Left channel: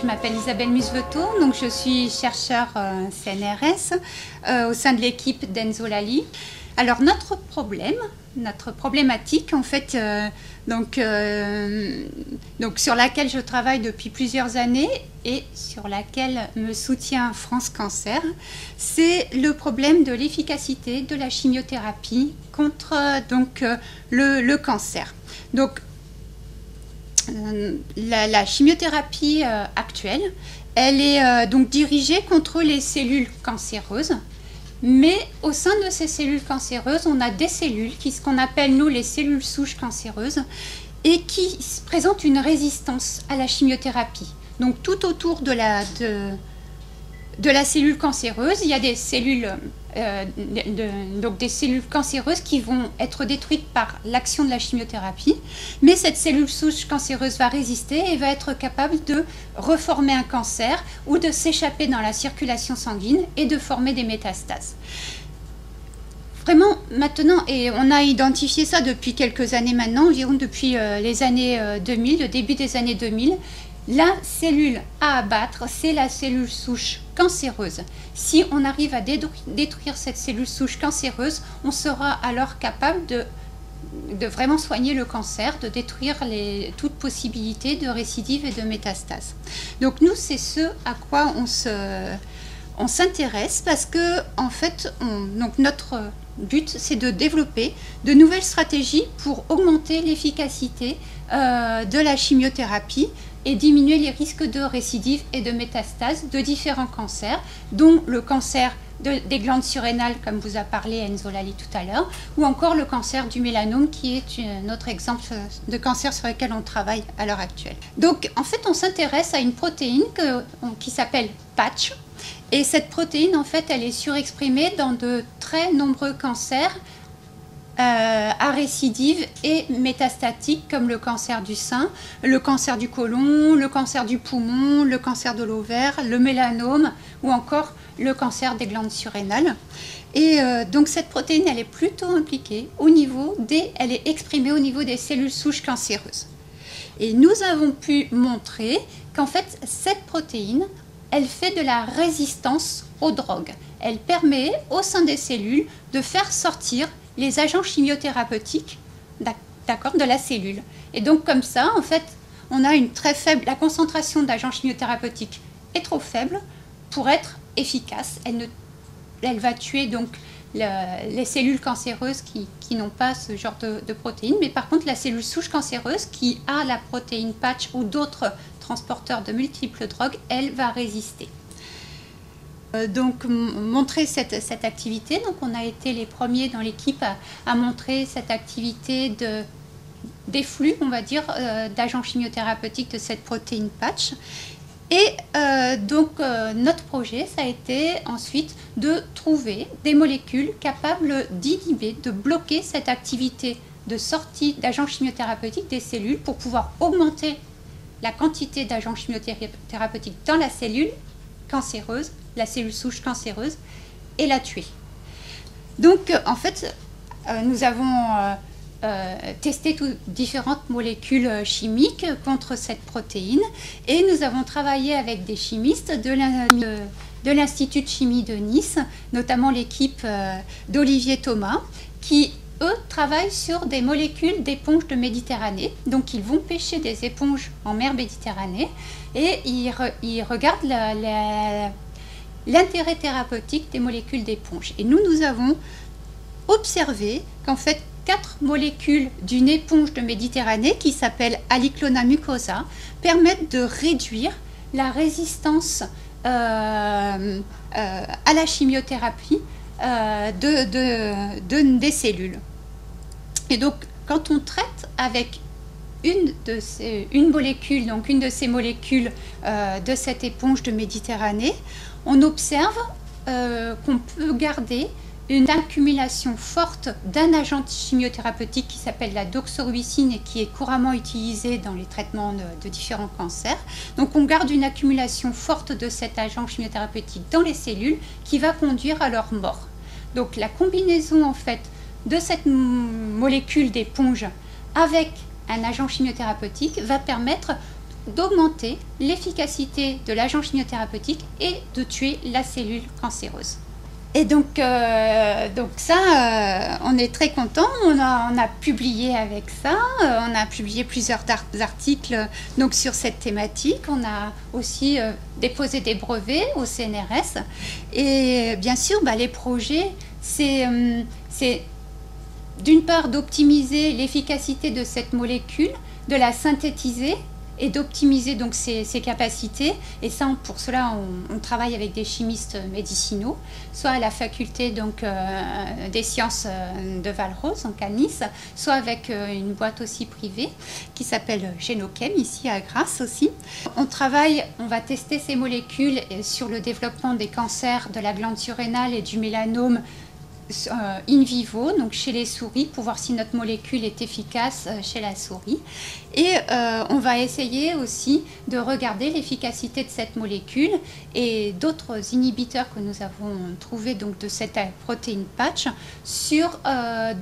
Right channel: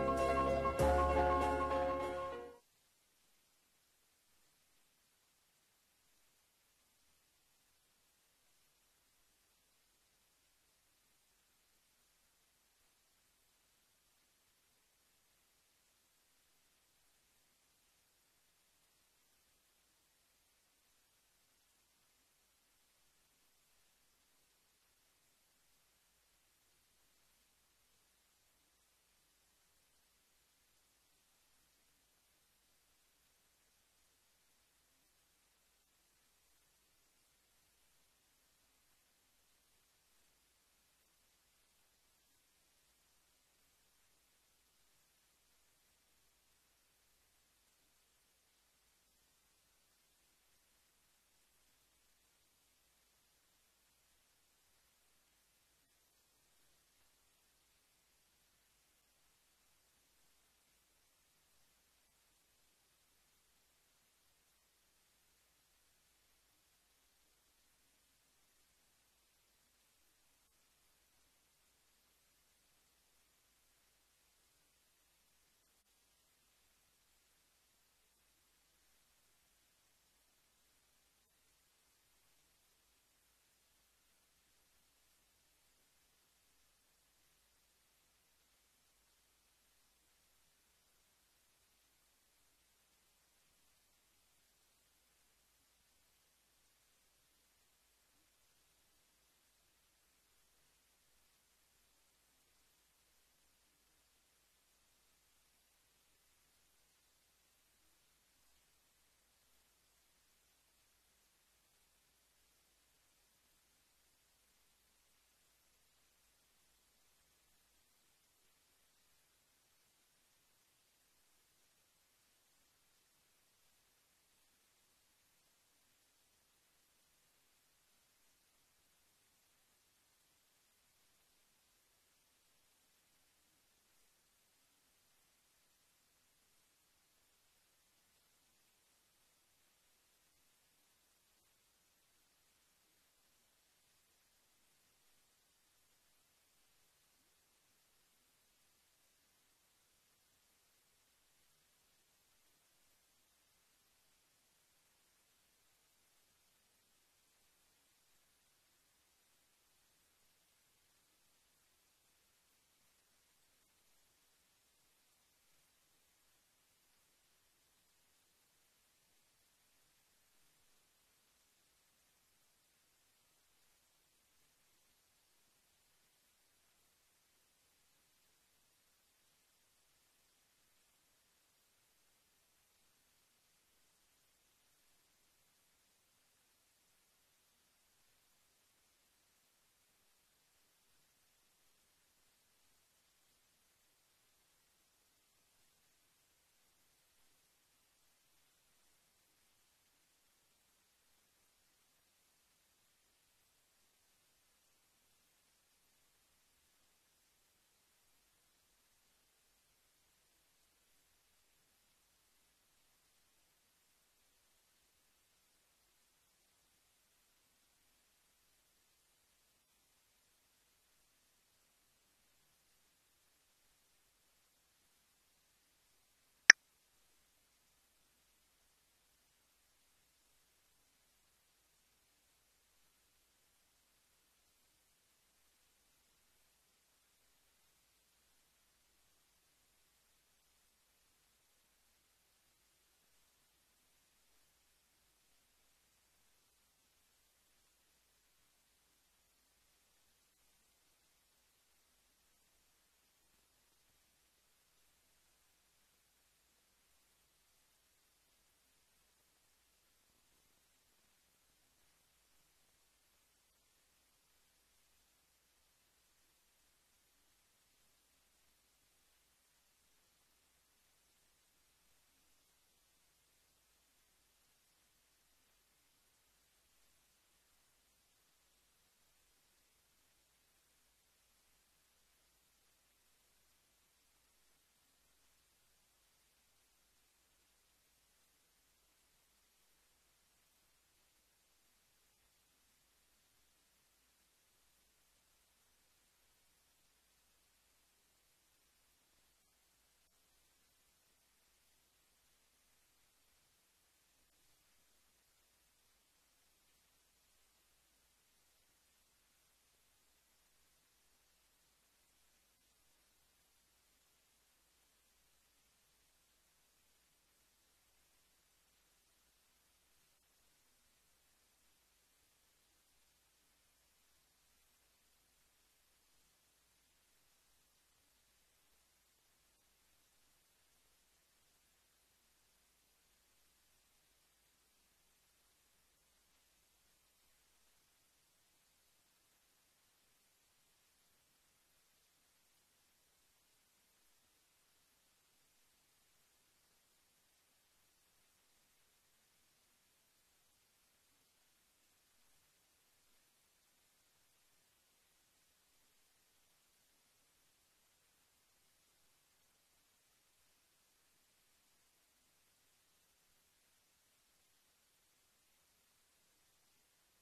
Je m'appelle Isabelle Musveto, donc je suis chercheure CNRS au sein de l'équipe d'Enzo Lali. Alors notre problématique en fait, donc sur laquelle je travaille depuis plusieurs années et sur laquelle me soutient France Cancer, c'est le problème de l'efficacité de la chimiothérapie contre le cancer. Donc la chimiothérapie actuelle, elle est donc dirigée contre les cellules cancéreuses, mais au sein de ces cellules cancéreuses, on a des cellules ce qu'on appelle nous les cellules souches cancéreuses et qui présentent une résistance à la chimiothérapie. Donc tout autour de la cellule cancéreuse, il y a des cellules des cellules cancéreuses qui vont être détruites par l'action de la chimiothérapie, mais cette cellule souche cancéreuse va résister et va être capable de reformer un cancer ou de s'échapper dans la circulation sanguine et de former des métastases. Vraiment maintenant, et on a identifié ça depuis quelques années maintenant, environ depuis les années 2000, le début des années 2000, la cellule à abattre, c'est la cellule souche cancéreuse. Si on arrive à détruire cette cellule souche cancéreuse, on sera alors capable de vraiment soigner le cancer, de détruire toute possibilité de récidive et de métastase. Donc nous, c'est ce à quoi on s'intéresse parce que en fait, notre but, c'est de développer de nouvelles stratégies pour augmenter l'efficacité de la chimiothérapie et diminuer les risques de récidive et de métastase de différents cancers, dont le cancer des glandes surrénales, comme vous a parlé Enzo Lali tout à l'heure, ou encore le cancer du mélanome, qui est notre exemple de cancer sur lequel on travaille à l'heure actuelle. Donc, en fait, on s'intéresse à une protéine qui s'appelle PATCH, et cette protéine, en fait, elle est surexprimée dans de très nombreux cancers à récidive et métastatique, comme le cancer du sein, le cancer du côlon, le cancer du poumon, le cancer de l'ovaire, le mélanome ou encore le cancer des glandes surrénales. Et donc cette protéine, elle est plutôt impliquée elle est exprimée au niveau des cellules souches cancéreuses. Et nous avons pu montrer qu'en fait, cette protéine, elle fait de la résistance aux drogues. Elle permet au sein des cellules de faire sortir les agents chimiothérapeutiques de la cellule. Et donc comme ça, en fait, on a la concentration d'agents chimiothérapeutiques est trop faible pour être efficace. Elle va tuer donc les cellules cancéreuses qui n'ont pas ce genre de protéines, mais par contre la cellule souche cancéreuse qui a la protéine PATCH ou d'autres transporteurs de multiples drogues, elle va résister. Donc montrer cette activité, donc on a été les premiers dans l'équipe à montrer cette activité des flux, on va dire, d'agents chimiothérapeutiques de cette protéine PATCH. Et notre projet, ça a été ensuite de trouver des molécules capables d'inhiber, de bloquer cette activité de sortie d'agents chimiothérapeutiques des cellules pour pouvoir augmenter la quantité d'agents chimiothérapeutiques dans la cellule cancéreuse, la cellule souche cancéreuse, et la tuer. Donc, en fait, nous avons testé différentes molécules chimiques contre cette protéine et nous avons travaillé avec des chimistes de l'Institut de chimie de Nice, notamment l'équipe d'Olivier Thomas, qui eux travaillent sur des molécules d'éponges de Méditerranée. Donc ils vont pêcher des éponges en mer Méditerranée et ils regardent l'intérêt thérapeutique des molécules d'éponge. Et nous avons observé qu'en fait 4 molécules d'une éponge de Méditerranée qui s'appelle Aliclona mucosa permettent de réduire la résistance à la chimiothérapie des cellules. Et donc, quand on traite avec une de ces molécules de cette éponge de Méditerranée, on observe qu'on peut garder une accumulation forte d'un agent chimiothérapeutique qui s'appelle la doxorubicine et qui est couramment utilisé dans les traitements de différents cancers. Donc on garde une accumulation forte de cet agent chimiothérapeutique dans les cellules qui va conduire à leur mort. Donc la combinaison en fait de cette molécule d'éponge avec un agent chimiothérapeutique va permettre d'augmenter l'efficacité de l'agent chimiothérapeutique et de tuer la cellule cancéreuse. Et donc ça, on est très content. On a publié avec ça. On a publié plusieurs articles donc, sur cette thématique. On a aussi déposé des brevets au CNRS. Et bien sûr, les projets, c'est d'une part d'optimiser l'efficacité de cette molécule, de la synthétiser et d'optimiser donc ses capacités. Et ça, pour cela, on travaille avec des chimistes médicinaux, soit à la faculté donc, des sciences de Val-Rose, donc à Nice, soit avec une boîte aussi privée qui s'appelle Génochem, ici à Grasse aussi. On va tester ces molécules sur le développement des cancers de la glande surrénale et du mélanome in vivo, donc chez les souris, pour voir si notre molécule est efficace chez la souris. Et on va essayer aussi de regarder l'efficacité de cette molécule et d'autres inhibiteurs que nous avons trouvés donc, de cette protéine patch sur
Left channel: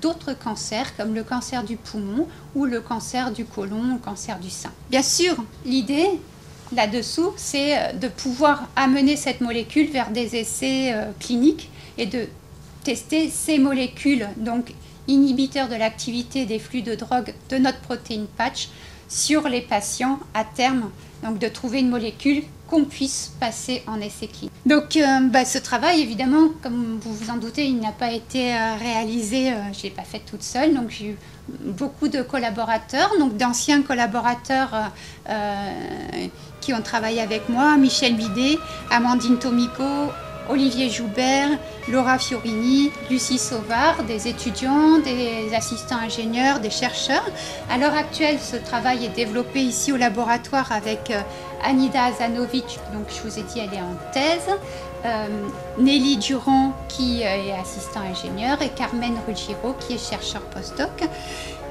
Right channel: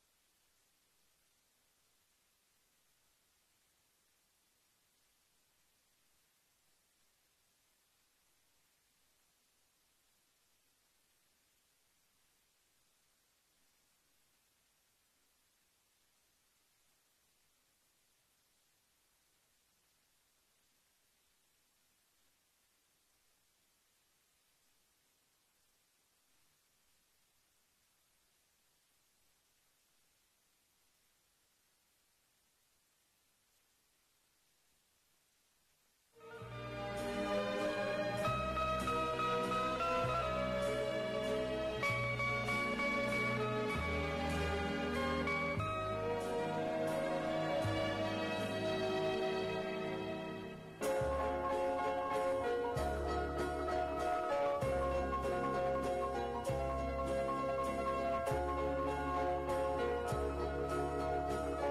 d'autres cancers comme le cancer du poumon ou le cancer du côlon, le cancer du sein. Bien sûr, l'idée là-dessous, c'est de pouvoir amener cette molécule vers des essais cliniques et de tester ces molécules, donc inhibiteurs de l'activité des flux de drogue de notre protéine patch sur les patients à terme, donc de trouver une molécule qu'on puisse passer en essai clinique. Donc ce travail, évidemment, comme vous vous en doutez, il n'a pas été réalisé, je ne l'ai pas fait toute seule, donc j'ai eu beaucoup de collaborateurs, donc d'anciens collaborateurs qui ont travaillé avec moi, Michel Bidet, Amandine Tomico, Olivier Joubert, Laura Fiorini, Lucie Sauvard, des étudiants, des assistants ingénieurs, des chercheurs. À l'heure actuelle, ce travail est développé ici au laboratoire avec Anida Azanovic, donc je vous ai dit, elle est en thèse, Nelly Durand qui est assistant ingénieur et Carmen Ruggiero qui est chercheur postdoc.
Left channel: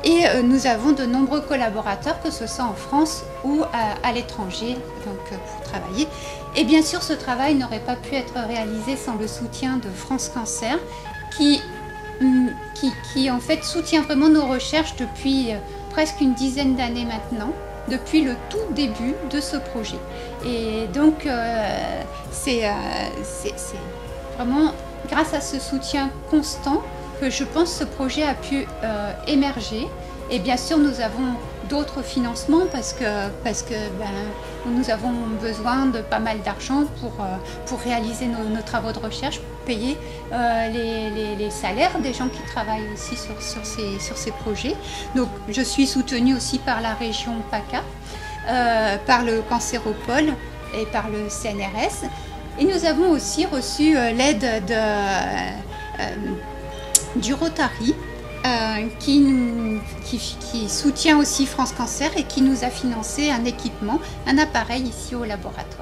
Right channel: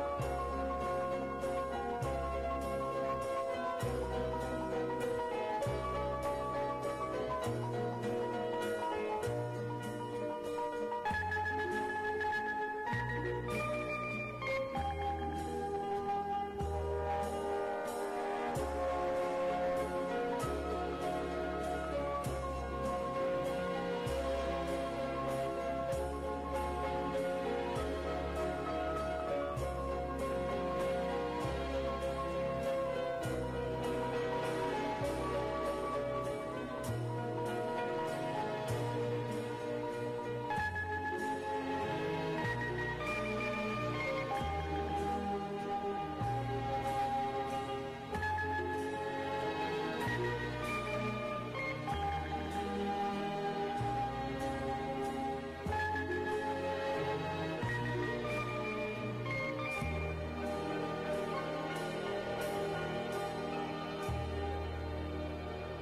Et nous avons de nombreux collaborateurs, que ce soit en France ou à l'étranger, pour travailler. Et bien sûr, ce travail n'aurait pas pu être réalisé sans le soutien de France Cancer, qui en fait soutient vraiment nos recherches depuis presque une dizaine d'années maintenant, depuis le tout début de ce projet. Et donc, c'est vraiment grâce à ce soutien constant que je pense ce projet a pu émerger. Et bien sûr, nous avons d'autres financements parce que nous avons besoin de pas mal d'argent pour réaliser nos travaux de recherche, pour payer les salaires des gens qui travaillent aussi sur ces projets. Donc, je suis soutenue aussi par la région PACA, par le Cancéropole et par le CNRS. Et nous avons aussi reçu l'aide du Rotary, qui soutient aussi France Cancer et qui nous a financé un équipement, un appareil ici au laboratoire.